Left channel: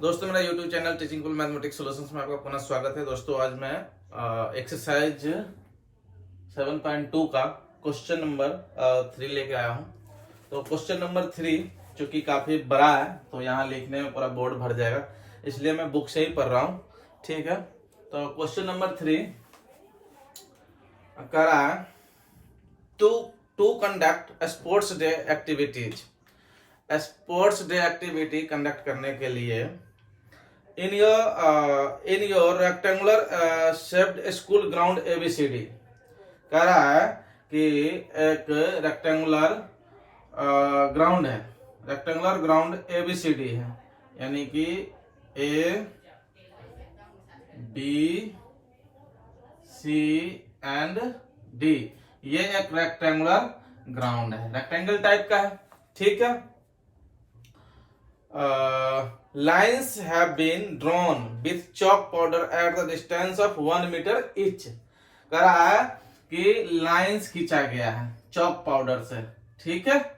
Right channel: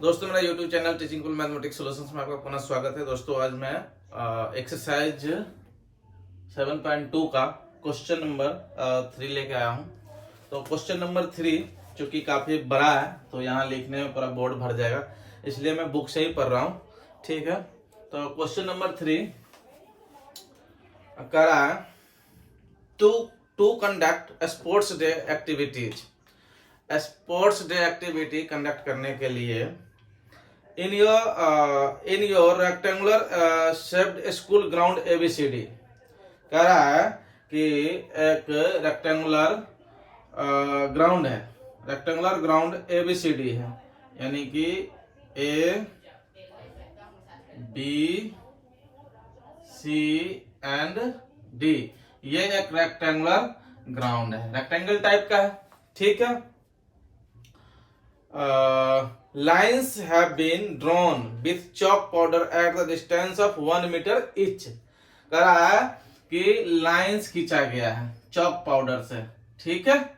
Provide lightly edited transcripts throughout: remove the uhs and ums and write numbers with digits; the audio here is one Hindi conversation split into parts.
दोस्तों, मेरा YouTube channel teaching cool mathematics solutions में आपका पुनः स्वागत है। दोस्तों, आज मैं एक्सरसाइज 7.2 का क्वेश्चन नंबर 3 लेके आया हूं। तो क्वेश्चन नंबर 3 चूंकि काफी बड़ा है तो यहाँ लिखने में पूरा बोर्ड भर जाएगा, इसलिए मैं बुक से ही पढ़ रहा हूँ। ठीक है, तो क्वेश्चन नंबर 3 कह रहा है to conduct sports day activities. Sports day activity conduct करने के लिए in your rectangular shaped school ground ABCD। कह रहा है कि एक रेक्टेंगुलर ग्राउंड है, रेक्टेंगुलर ग्राउंड ABCD है, यानी कि A B C and D। ये एक रेक्टेंगुलर ग्राउंड है, रेक्टेंगल टाइप का है। ठीक है, lines have been drawn with chalk powder at the distance of 1 meter each। कह रहा है कि लाइंस खींचा गया है चॉक पाउडर से। ठीक है,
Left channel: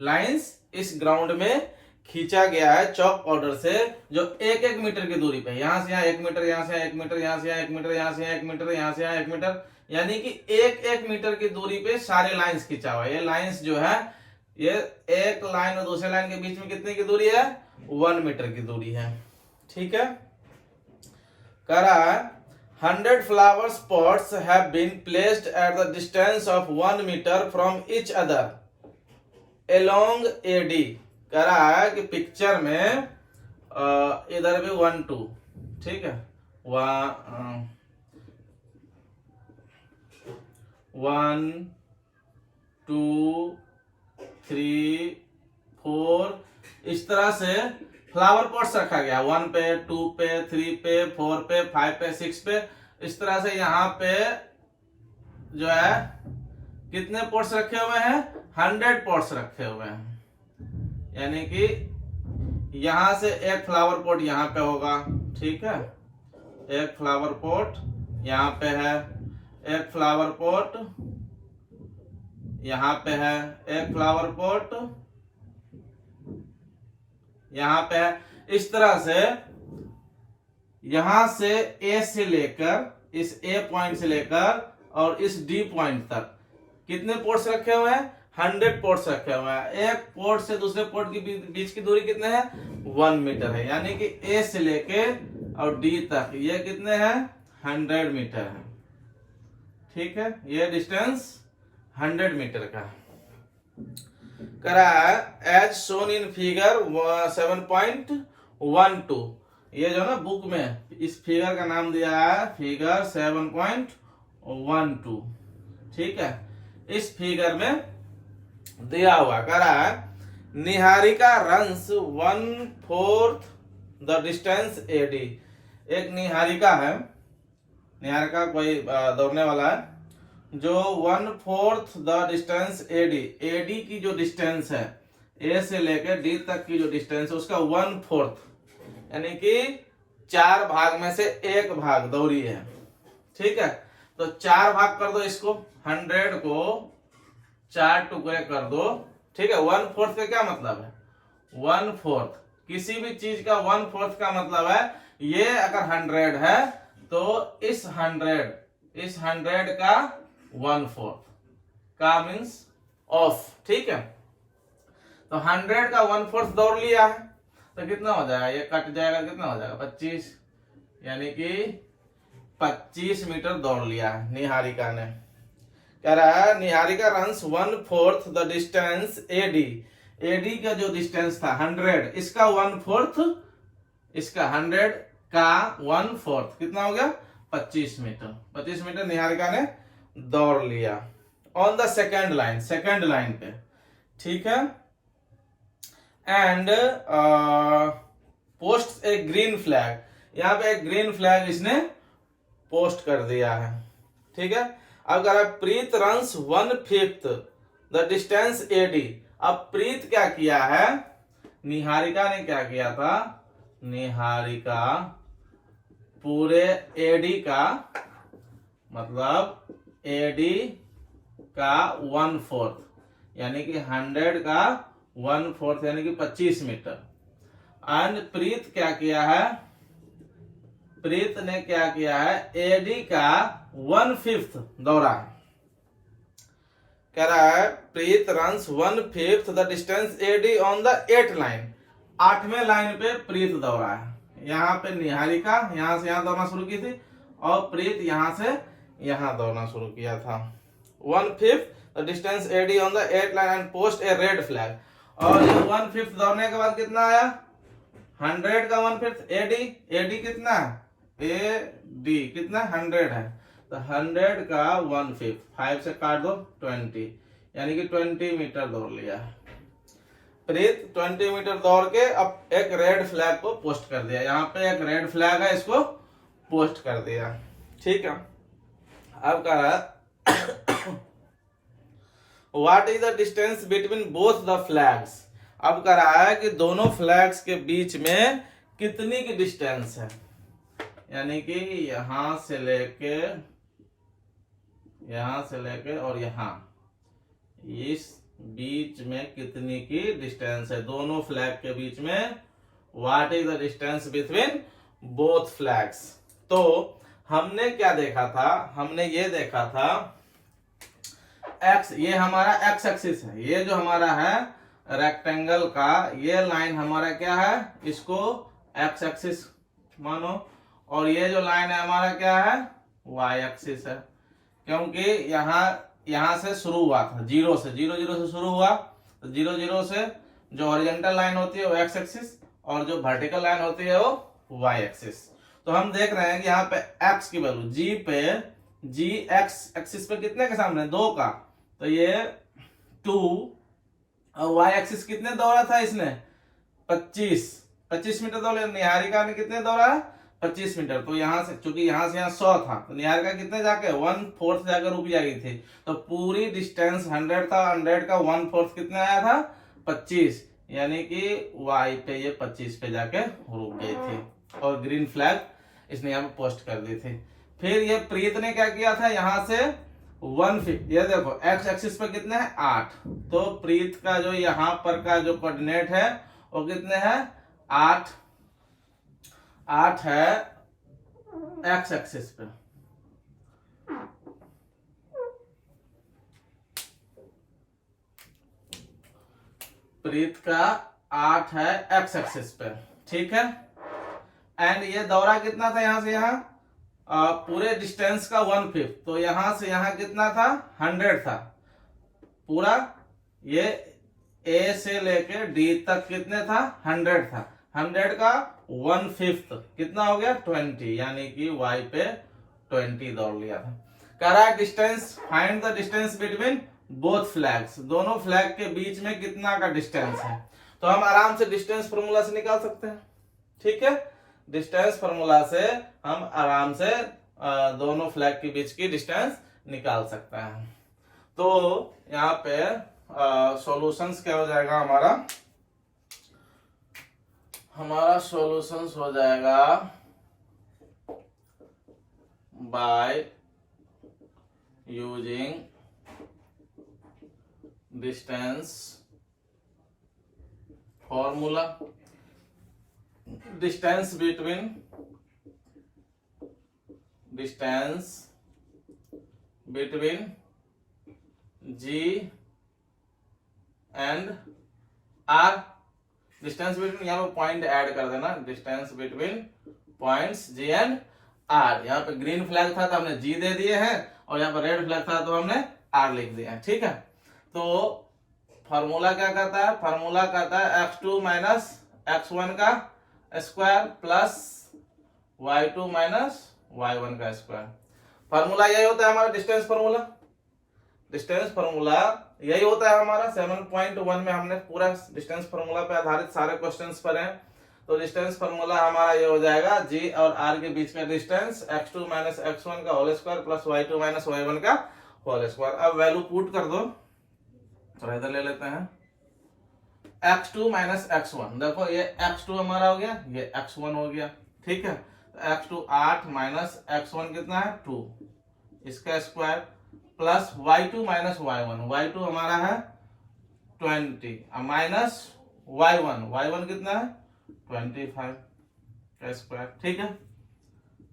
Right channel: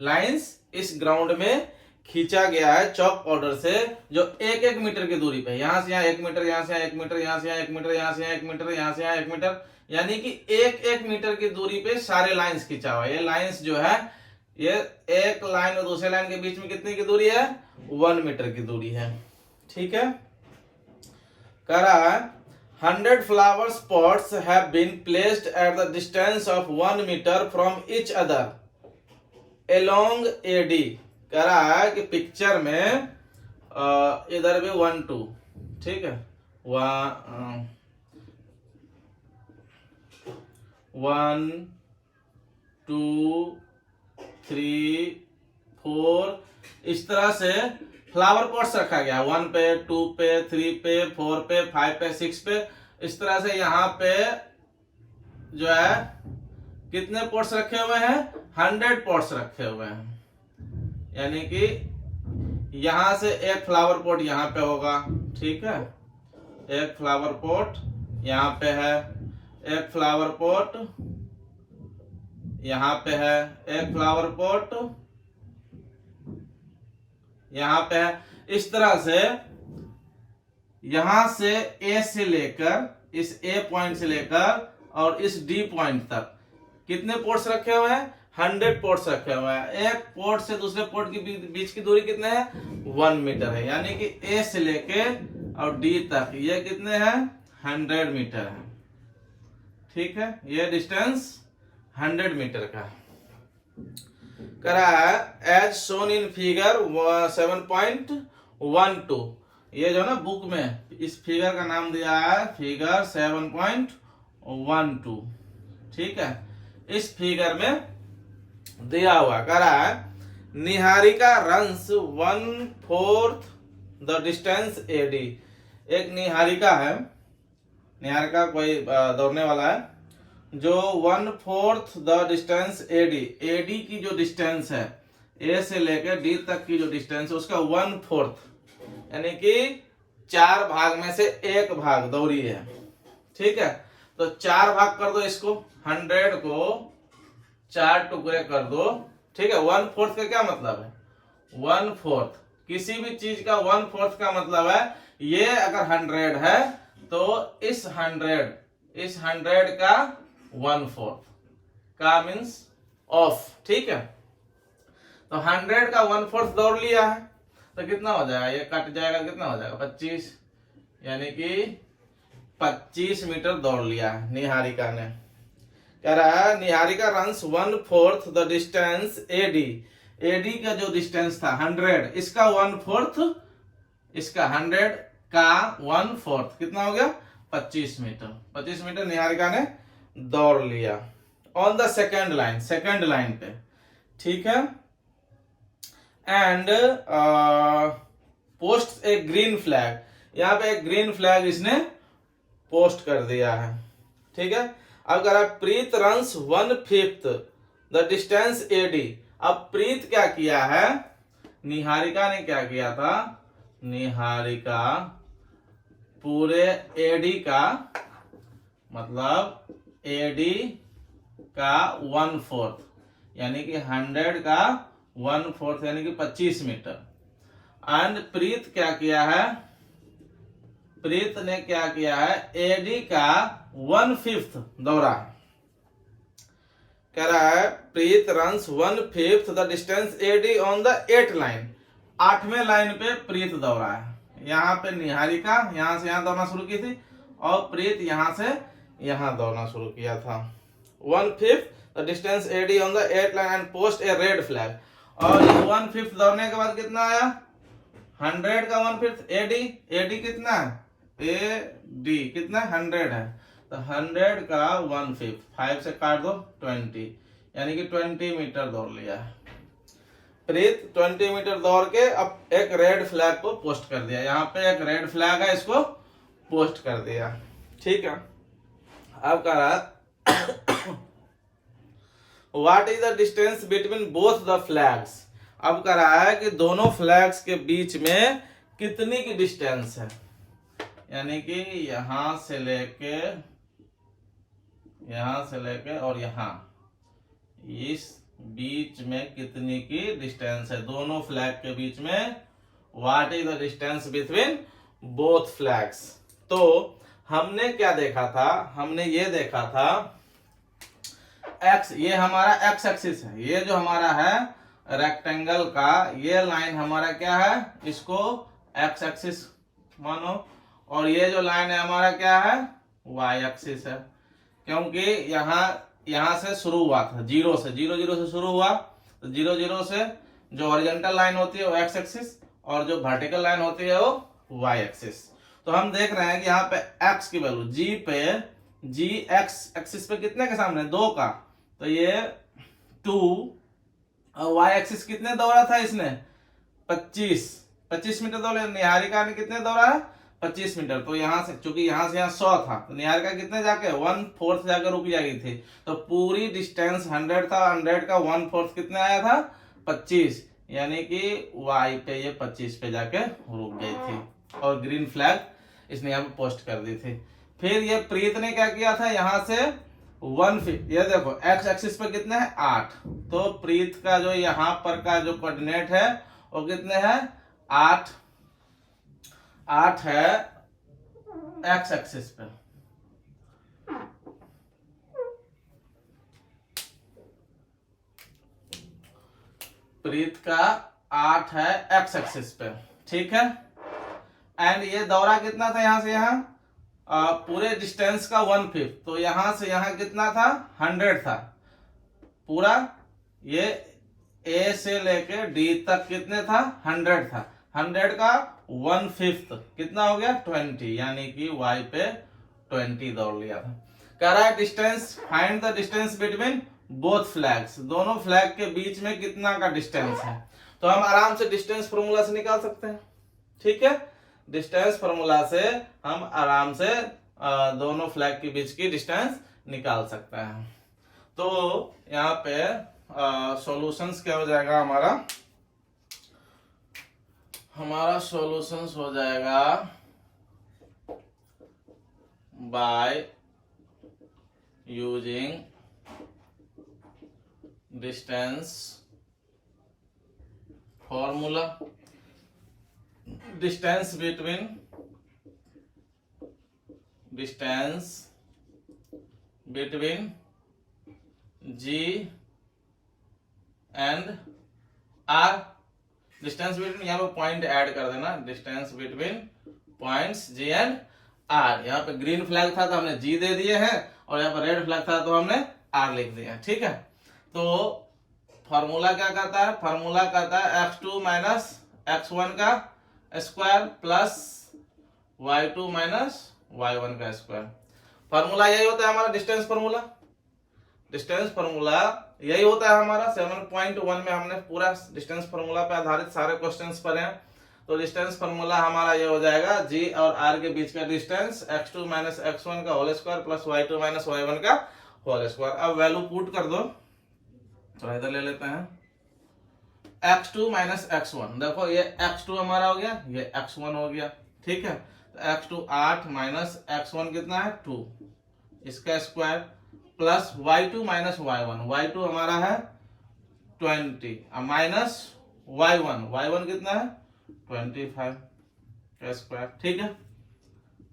लाइंस इस ग्राउंड में खींचा गया है चॉक पाउडर से, जो 1-1 मीटर की दूरी पे, यहां से यहाँ 1 मीटर, यहां से यहाँ 1 मीटर, यहां से यहाँ 1 मीटर, यहां से यहाँ 1 मीटर, यहां से यहाँ 1 मीटर, यानी कि 1-1 मीटर की दूरी पे सारे लाइंस खींचा हुआ है। ये लाइंस जो है, ये एक लाइन और दूसरे लाइन के बीच में कितने की दूरी है? 1 मीटर की दूरी है। ठीक है, कह रहा है 100 flower pots have been placed at the distance of 1 metre from each other along AD। कह रहा है कि पिक्चर में इधर भी 1 2, ठीक है, 1 2 3 4 इस तरह से फ्लावर पॉट्स रखा गया, 1 पे 2 पे 3 पे 4 पे 5 पे 6 पे। इस तरह से यहाँ पे जो है कितने पॉट्स रखे हुए हैं? 100 पॉट्स रखे हुए हैं, यानी कि यहां से एक फ्लावर पॉट यहाँ पे होगा। ठीक है, एक फ्लावर पॉट यहाँ पे है, एक फ्लावर पॉट यहाँ पे है, एक फ्लावर पॉट यहाँ पे है। इस तरह से यहां से A से लेकर, इस A पॉइंट से लेकर और इस D पॉइंट तक कितने पोर्ट्स रखे हुए हैं? 100 पोर्ट्स रखे हुए हैं। एक पोर्ट से दूसरे पोर्ट के बीच की दूरी कितने है? 1 मीटर है, यानी कि A से लेके और D तक ये कितने हैं? 100 मीटर है। ठीक है, ये डिस्टेंस 100 मीटर का कह रहा है एज शोन इन फिगर 7.12। ये जो ना बुक में इस फिगर का नाम दिया है फिगर 7.12। ठीक है, इस फिगर में दिया हुआ कह रहा है Niharika runs 1/4 the distance AD। एक निहारिका है, निहारिका कोई दौड़ने वाला है, जो 1/4 द डिस्टेंस AD की जो डिस्टेंस है, A से लेकर D तक की जो डिस्टेंस है उसका 1/4, यानी कि 4 भाग में से 1 भाग दौड़ी है। ठीक है, तो 4 भाग कर दो इसको, 100 को 4 टुकड़े कर दो। ठीक है, 1/4 का क्या मतलब है? 1/4 किसी भी चीज का 1/4 का मतलब है, ये अगर 100 है तो इस 100 का 1/4 का मीन्स ऑफ। ठीक है, तो 100 का 1/4 दौड़ लिया है तो कितना हो जाएगा? ये कट जाएगा, कितना हो जाएगा? 25, यानी कि 25 मीटर दौड़ लिया है निहारिका ने। कह रहा है Niharika runs 1/4 the distance AD का जो डिस्टेंस था 100, इसका 1/4, इसका 100 का 1/4 कितना हो गया? 25 मीटर। 25 मीटर निहारिका ने दौड़ लिया ऑन द सेकेंड लाइन पे। ठीक है, and post A green flag. यहां पे एक ग्रीन फ्लैग इसने पोस्ट कर दिया है। ठीक है, अब कह रहा है Preet runs 1/5 the distance AD। अब प्रीत क्या किया है? निहारिका ने क्या किया था? निहारिका पूरे AD का मतलब AD का 1/4, यानी कि 100 का 1/4 यानी कि 25 मीटर। एंड प्रीत क्या किया है, प्रीत ने क्या किया है, एडी का 1/5 दौड़ा है। कह रहा है Preet runs 1/5 the distance AD on the 8th line. 8वें लाइन पे प्रीत दौड़ा है। यहाँ पे निहारिका यहाँ से यहाँ दौड़ना शुरू की थी और प्रीत यहाँ से यहाँ दौड़ना शुरू किया था। 1/5 the distance AD on the 8th line and post a red flag. और 1/5 दौड़ने के बाद कितना आया, 100 का 1/5 एडी, एडी कितना है, एडी कितना 100 है, तो 100 का 1/5, 5 से काट दो 20, यानी कि 20 मीटर दौड़ लिया है प्रीत। 20 मीटर दौड़ के अब एक रेड फ्लैग को पोस्ट कर दिया। यहाँ पे एक रेड फ्लैग है, इसको पोस्ट कर दिया। ठीक है, अब कह रहा है what is the distance between both the flags. अब कह रहा है कि दोनों फ्लैग्स के बीच में कितनी की डिस्टेंस है, यानी कि यहां से लेके और यहां इस बीच में कितनी की डिस्टेंस है, दोनों फ्लैग के बीच में। What is the distance between both flags. तो हमने क्या देखा था, हमने ये देखा था एक्स, ये हमारा एक्स एक्सिस है, ये जो हमारा है रेक्टेंगल का ये लाइन हमारा क्या है, इसको एक्स एक्सिस मानो, और ये जो लाइन है हमारा क्या है, वाई एक्सिस है। क्योंकि यहाँ से शुरू हुआ था, 0 से शुरू हुआ, तो 0 से जो हॉरिजॉन्टल लाइन होती है वो एक्स एक्सिस और जो वर्टिकल लाइन होती है वो वाई एक्सिस। तो हम देख रहे हैं कि यहाँ पे एक्स की वैल्यू जी एक्स एक्सिस पे कितने के सामने, 2 का, तो ये 2, और वाई एक्सिस कितने दौड़ा था इसने, 25 मीटर दौड़े। निहारिका ने कितने दौड़ा, 25 मीटर। तो यहाँ से चूंकि यहाँ से यहाँ 100 था, तो निहारिका कितने जाके 1/4 जाकर रुक जाएगी थी। तो पूरी डिस्टेंस 100 था, 100 का 1/4 कितने आया था, 25, यानी कि वाई पे ये 25 पे जाके रुक गई थी और ग्रीन फ्लैग इसने यहाँ पे पोस्ट कर दी थी। फिर ये प्रीत ने क्या किया था, यहाँ से 1/5, ये देखो एक्स एक्सिस पे कितने हैं, 8, तो प्रीत का जो यहाँ पर का जो कोऑर्डिनेट है वो कितने हैं, 8 है एक्स एक्सिस पे। प्रीत का 8 है एक्स एक्सिस पे, ठीक है। एंड ये दौरा कितना था, यहां से यहां पूरे डिस्टेंस का 1/5, तो यहां से यहां कितना था, 100 था पूरा। ये ए से लेके डी तक कितने था, 100 था। 100 का 1/5 कितना हो गया, 20, यानी कि वाई पे 20 दौड़ लिया था। कह रहा है distance, find the distance between both flags, दोनों फ्लैग के बीच में कितना का डिस्टेंस है। तो हम आराम से डिस्टेंस फॉर्मूला से निकाल सकते हैं, ठीक है। डिस्टेंस फॉर्मूला से हम आराम से दोनों फ्लैग के बीच की डिस्टेंस निकाल सकते हैं। तो यहाँ पे सॉल्यूशंस क्या हो जाएगा, हमारा सॉल्यूशंस हो जाएगा by using distance formula, distance between G and R। Distance between, यहाँ पे पॉइंट ऐड कर देना, distance between points G and R। यहाँ पे ग्रीन फ्लैग था तो हमने G दे दिए हैं, और यहाँ पे रेड फ्लैग था तो हमने R लिख दिया है, ठीक है। तो फॉर्मूला क्या कहता है, फॉर्मूला कहता है x2 माइनस x1 का square plus y2 minus y1 का स्क्वायर। फॉर्मूला यही होता है हमारा डिस्टेंस फॉर्मूला। डिस्टेंस फॉर्मूला यही होता है हमारा। 7.1 में हमने पूरा डिस्टेंस फॉर्मूला पे आधारित सारे क्वेश्चंस पढ़े हैं। तो डिस्टेंस फॉर्मूला हमारा ये हो जाएगा, G और R के बीच का डिस्टेंस x2 माइनस x1 का whole square plus y2 minus y1 का होल स्क्वायर। अब वैल्यू पुट कर दो, तो इधर ले लेते हैं x2 माइनस x1, देखो ये x2 हमारा हो गया, ये x1 हो गया, ठीक है। तो x2 8 माइनस x1 कितना है 2, इसका square plus y2 minus y1, y2 हमारा है 20 माइनस y1 कितना है 25 का स्क्वायर। ठीक है,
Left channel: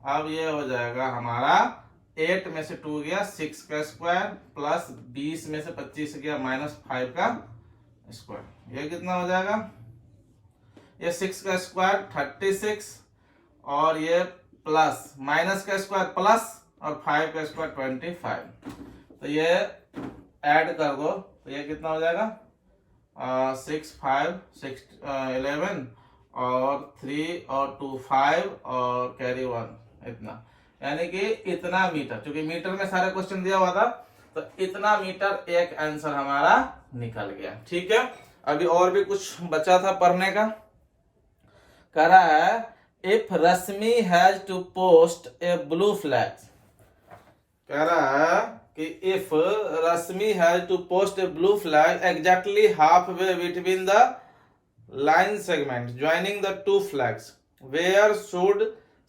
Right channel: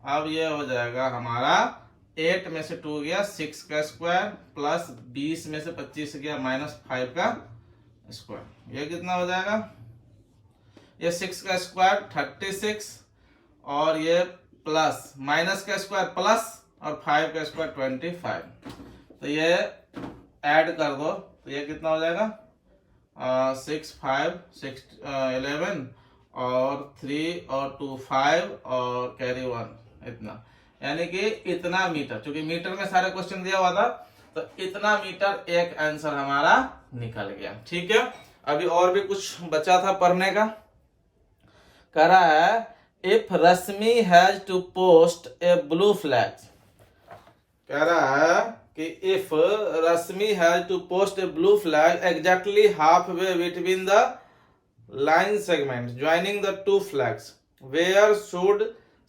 अब ये हो जाएगा हमारा 8 में से 2 गया 6 का स्क्वायर प्लस 20 में से 25 गया -5 का स्क्वायर। ये कितना हो जाएगा, ये 6 का स्क्वायर 36 और ये प्लस माइनस का स्क्वायर प्लस और 5 का स्क्वायर 25। तो ये ऐड कर दो तो ये कितना हो जाएगा 6 5 6 11 और 3 और 2 5 और कैरी 1 इतना, यानी कि इतना मीटर, क्योंकि मीटर में सारे क्वेश्चन दिया हुआ था तो इतना मीटर एक आंसर हमारा निकल गया। ठीक है, अभी और भी कुछ बचा था पढ़ने का। कह रहा है if Rashmi has to post a blue flag, कह रहा है कि if Rashmi has to post a blue flag exactly half way between the line segment joining the two flags, where should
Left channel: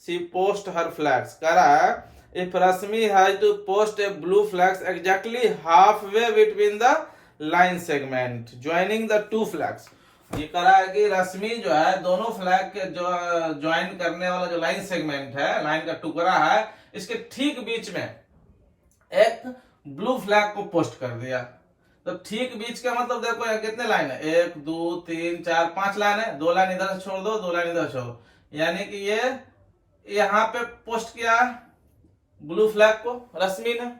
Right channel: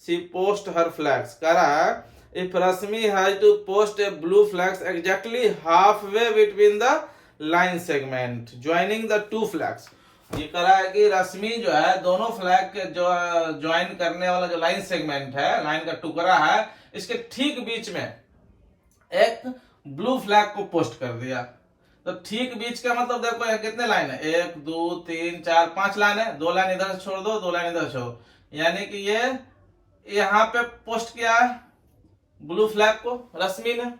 she post her flags. कह रहा है if Rashmi has to post a blue flags exactly half way between the line segment joining the two flags. ये कह रहा है कि रश्मि जो है दोनों फ्लैग के जो ज्वाइन करने वाला जो लाइन सेगमेंट है, लाइन का टुकड़ा है, इसके ठीक बीच में एक ब्लू फ्लैग को पोस्ट कर दिया। तो ठीक बीच का मतलब देखो कितने लाइन है, 1 2 3 4 5 लाइन है, 2 लाइन इधर छोड़ दो 2 लाइन इधर छोड़ो, यानी कि ये यहाँ पे पोस्ट किया है ब्लू फ्लैग को रश्मि ने,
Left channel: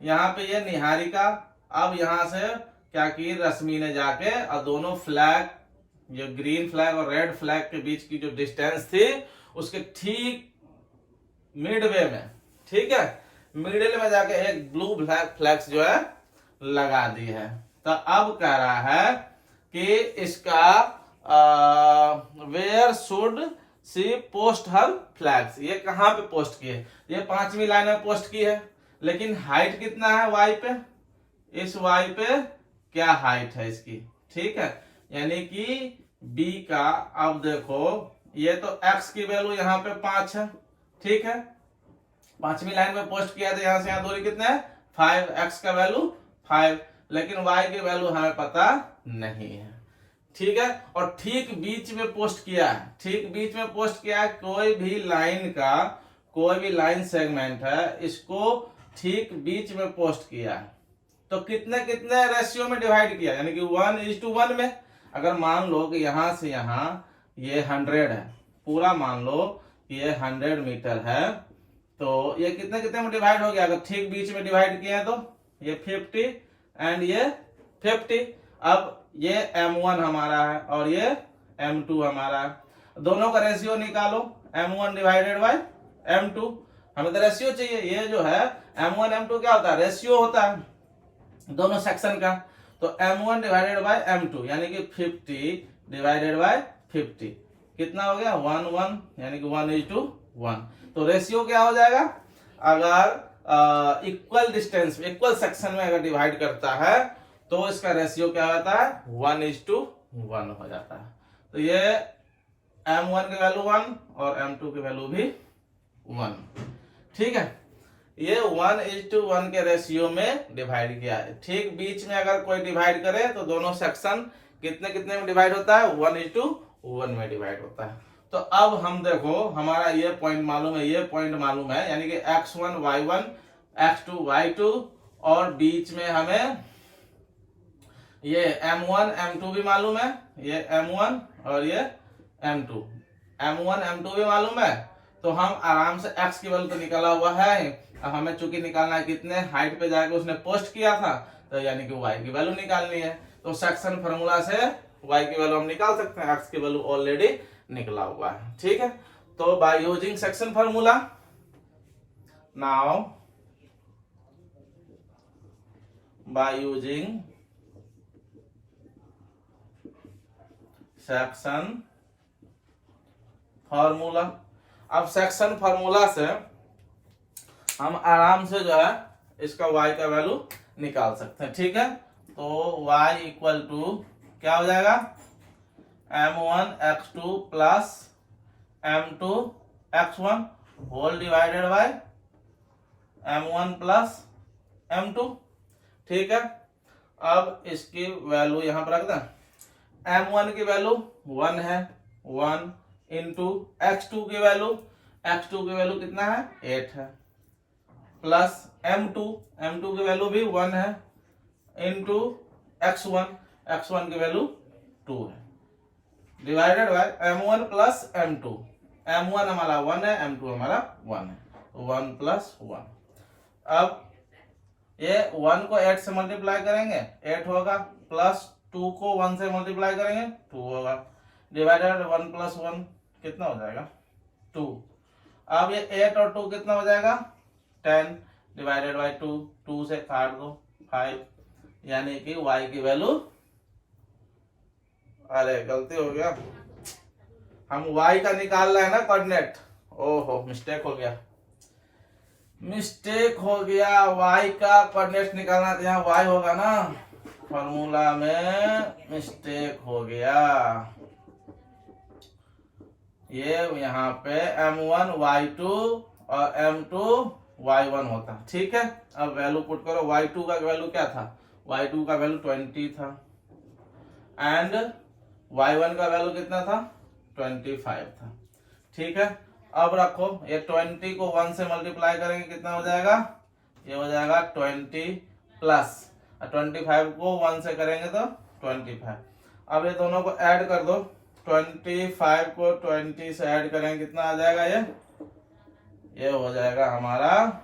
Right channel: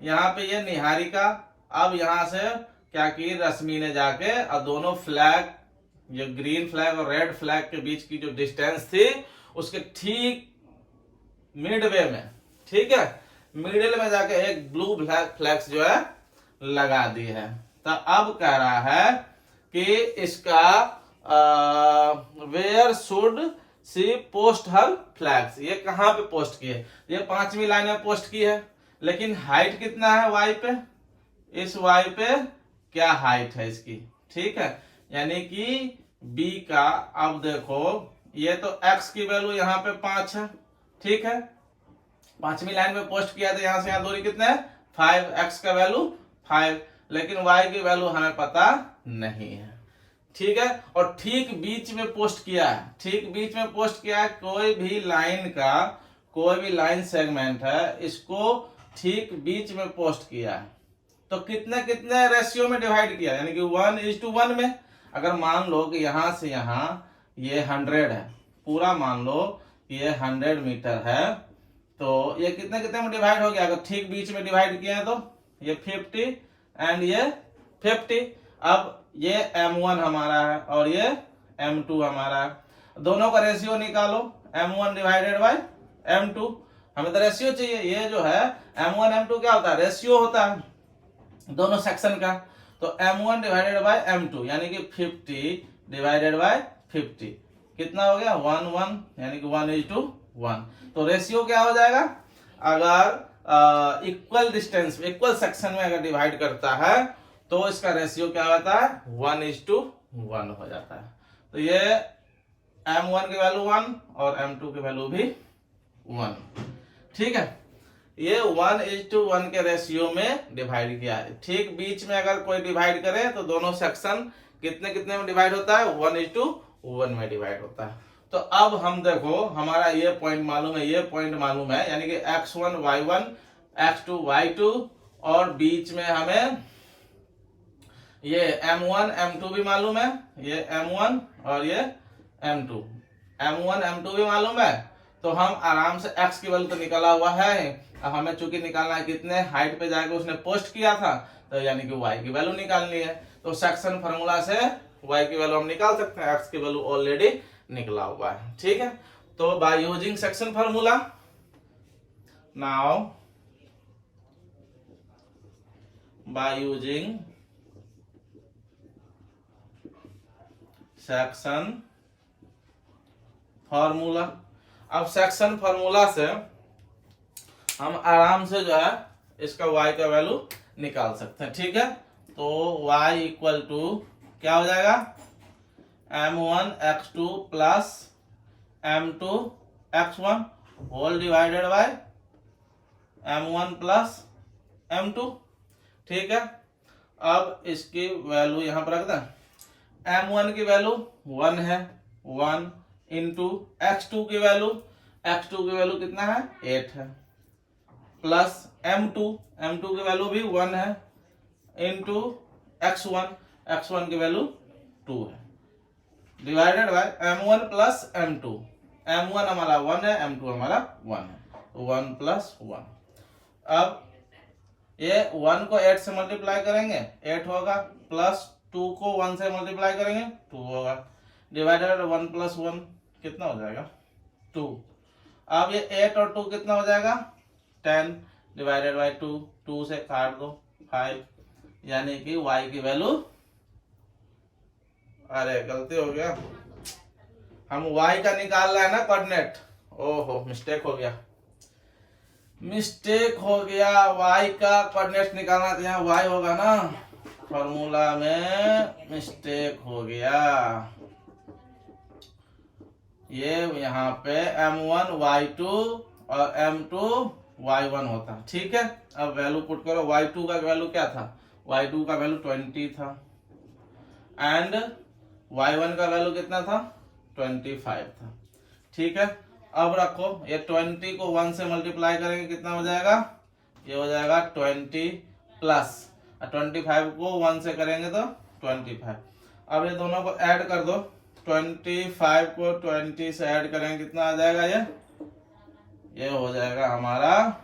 यहाँ पे ये निहारिका। अब यहां से क्या की रश्मि ने जाके और दोनों फ्लैग, जो ग्रीन फ्लैग और रेड फ्लैग के बीच की जो डिस्टेंस थी उसके ठीक मिडवे में, ठीक है, मिडिल में जाके एक ब्लू फ्लैग्स जो है लगा दी है। तो अब कह रहा है कि इसका where should she post her flags, ये कहां पे पोस्ट की है, ये 5वीं लाइन में पोस्ट की है, लेकिन हाइट कितना है वाई पे, इस वाई पे क्या हाइट है इसकी। ठीक है, यानी कि बी का, अब देखो ये तो x की वैल्यू यहाँ पे 5 है, ठीक है, 5वीं लाइन में पोस्ट किया था, यहां से यहां दूरी कितना है 5, x का वैल्यू 5, लेकिन y की वैल्यू हमें पता नहीं है। ठीक है, और ठीक बीच में पोस्ट किया है, ठीक बीच में पोस्ट किया है, कोई भी लाइन का कोई भी लाइन सेगमेंट है इसको ठीक बीच में पोस्ट किया है, तो कितने कितने रेशियो में डिवाइड किया, यानी कि 1:1 में। अगर मान लो कि यहां से यहां ये 100 है, पूरा मान लो कि ये 100 मीटर है, तो ये कितने कितने में डिवाइड हो गया, अगर ठीक बीच में डिवाइड किए हैं तो ये 50 एंड ये 50। अब ये M1 हमारा है और ये M2 हमारा है, दोनों का रेशियो निकालो, M1 डिवाइडेड बाय M2, हमें तो रेशियो चाहिए। ये जो है M1 M2 क्या होता है, रेशियो होता है दोनों सेक्शन का, तो M1 डिवाइडेड बाय M2 यानी कि 50 डिवाइडेड बाय 50 कितना हो गया 1:1, यानी कि 1:1। तो रेशियो क्या हो जाएगा, अगर इक्वल डिस्टेंस इक्वल सेक्शन में अगर डिवाइड करता है तो इसका रेशियो क्या होता है 1:1 हो जाता है। तो ये M1 की वैल्यू 1 और M2 की वैल्यू भी 1। ठीक है, ये 1:1 के रेशियो में डिवाइड किया है। ठीक बीच में अगर कोई डिवाइड करे तो दोनों सेक्शन कितने कितने में डिवाइड होता है 1:1 में डिवाइड होता है। तो अब हम देखो हमारा ये पॉइंट मालूम है, ये पॉइंट मालूम है, यानी कि x1 y1 x2 y2 और बीच में हमें ये M1 M2 भी मालूम है, ये M1 और ये M2 भी मालूम है। तो हम आराम से x की वैल्यू तो निकाला हुआ है, अब हमें चूंकि निकालना है कितने हाइट पे जाके उसने पोस्ट किया था, तो यानी कि y की वैल्यू निकालनी है। तो सेक्शन फार्मूला से y की वैल्यू हम निकाल सकते हैं, x की वैल्यू ऑलरेडी निकला हुआ है। ठीक है, तो by using section formula, now by using section formula, अब सेक्शन फार्मूला से हम आराम से जो है इसका y का वैल्यू निकाल सकते हैं। ठीक है, तो y इक्वल टू क्या हो जाएगा M1 x2 plus M2 x1 whole divided by M1 plus M2। ठीक है, अब इसकी वैल्यू यहां पर रख दें, M1 की वैल्यू 1 है, 1 इंटू x2 की वैल्यू, x2 की वैल्यू कितना है 8 है, प्लस m2 की वैल्यू भी 1 है, इंटू x1 की वैल्यू 2 है, divided by m1 plus m2। m1 हमारा 1 है, m2 हमारा 1 है, 1 प्लस 1। अब ये 1 को 8 से मल्टीप्लाई करेंगे 8 होगा, प्लस 2 को 1 से मल्टीप्लाई करेंगे 2 होगा, डिवाइडेड 1 प्लस 1 कितना हो जाएगा 2। अब ये 8 और 2 कितना हो जाएगा 10, डिवाइडेड बाय 2, 2 से काट दो 5, यानी कि y की वैल्यू, अरे गलती हो गया, हम y का निकाल रहे हैं ना कोऑर्डिनेट, ओहो मिस्टेक हो गया, y का कोऑर्डिनेट निकालना, तो यहाँ y होगा ना, फॉर्मूला में मिस्टेक हो गया, ये यहाँ पे m1 y2 और m2 y1 होता, ठीक है। अब वैल्यू पुट करो, y2 का वैल्यू क्या था, y2 का वैल्यू 20 था, एंड y1 का वैल्यू कितना था 25 था, ठीक है। अब रखो, ये 20 को 1 से मल्टीप्लाई करेंगे कितना हो जाएगा, ये हो जाएगा 20 प्लस 25 को 1 से करेंगे तो 25। अब ये दोनों को ऐड कर दो, 25 को 20 से ऐड करेंगे कितना आ जाएगा, ये हो जाएगा हमारा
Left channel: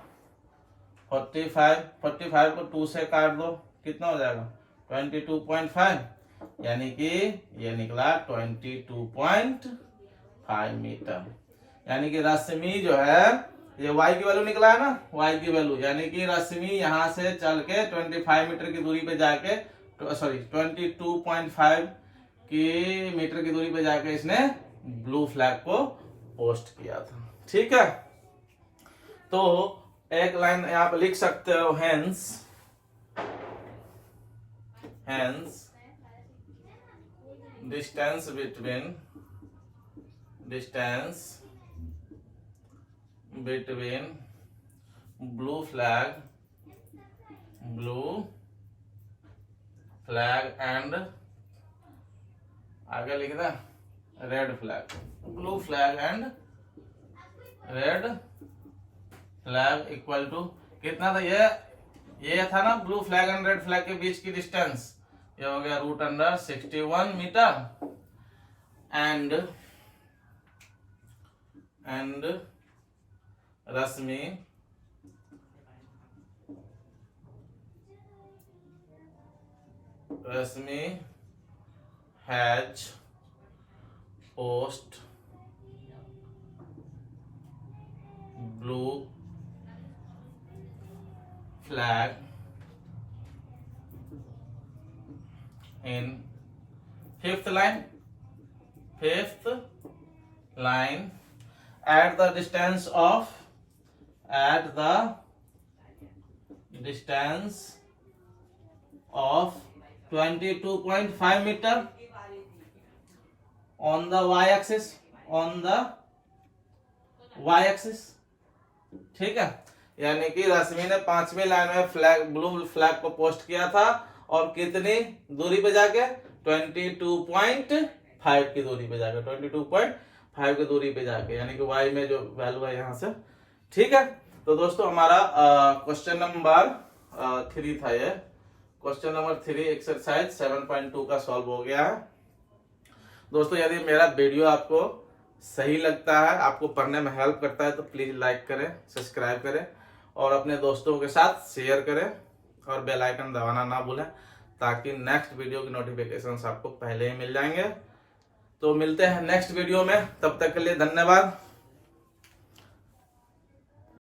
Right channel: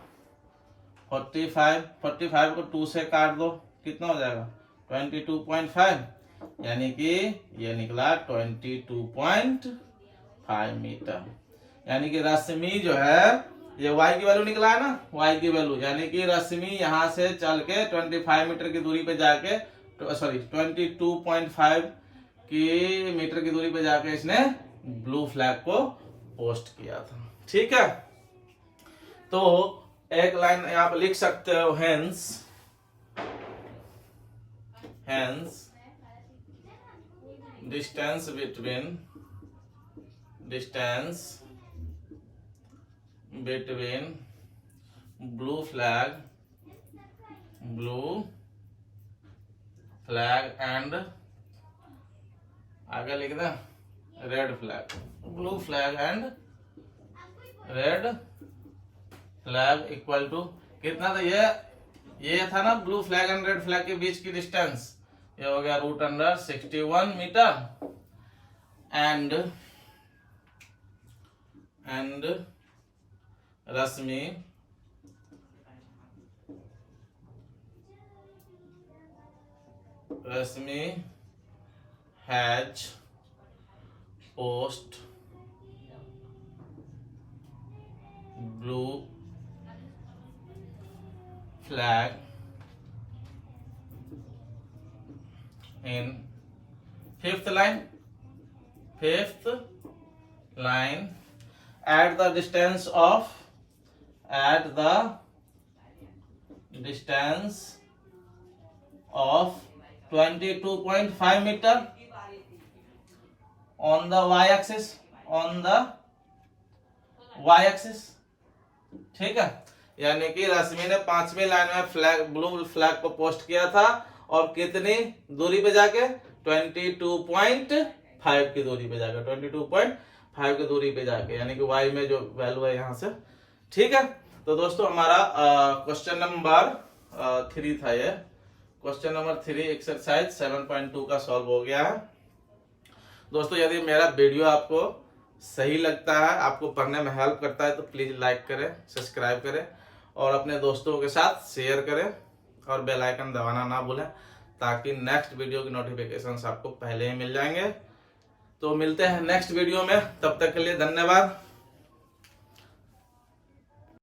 45। 45 को 2 से काट दो कितना हो जाएगा 22.5, यानी कि ये निकला 22.5 मीटर। यानी कि रश्मि जो है, ये y की वैल्यू निकला है ना, y की वैल्यू, यानी कि रश्मि यहाँ से चल के 25 मीटर की दूरी पे जाके, सॉरी 22.5 की मीटर की दूरी पे जाके इसने ब्लू फ्लैग को पोस्ट किया था, ठीक है। तो एक लाइन आप लिख सकते हो, hence distance between blue flag and, आगे लिख दे red flag, blue flag and red flag equal to कितना था, ये था ना blue flag and red flag के बीच की डिस्टेंस, ये हो गया √61 metre, and Rashmi has post blue flag in fifth line at the distance of 22.5 meter on the y-axis, ठीक है। यानी कि रश्मि ने 5वीं लाइन में ब्लू फ्लैग को पोस्ट किया था, और कितनी दूरी पे जाके 22.5 की दूरी पे जाके, 22.5 की दूरी पे जाके, यानी कि y में जो वैल्यू है यहाँ से, ठीक है। तो दोस्तों हमारा क्वेश्चन नंबर 3 था, ये क्वेश्चन नंबर 3 एक्सरसाइज 7.2 का सॉल्व हो गया है। दोस्तों यदि मेरा वीडियो आपको सही लगता है, आपको पढ़ने में हेल्प करता है, तो प्लीज लाइक करें, सब्सक्राइब करें और अपने दोस्तों के साथ शेयर करें, और बेल आइकन दबाना ना भूलें, ताकि नेक्स्ट वीडियो की नोटिफिकेशंस आपको पहले ही मिल जाएंगे। तो मिलते हैं नेक्स्ट वीडियो में, तब तक के लिए धन्यवाद।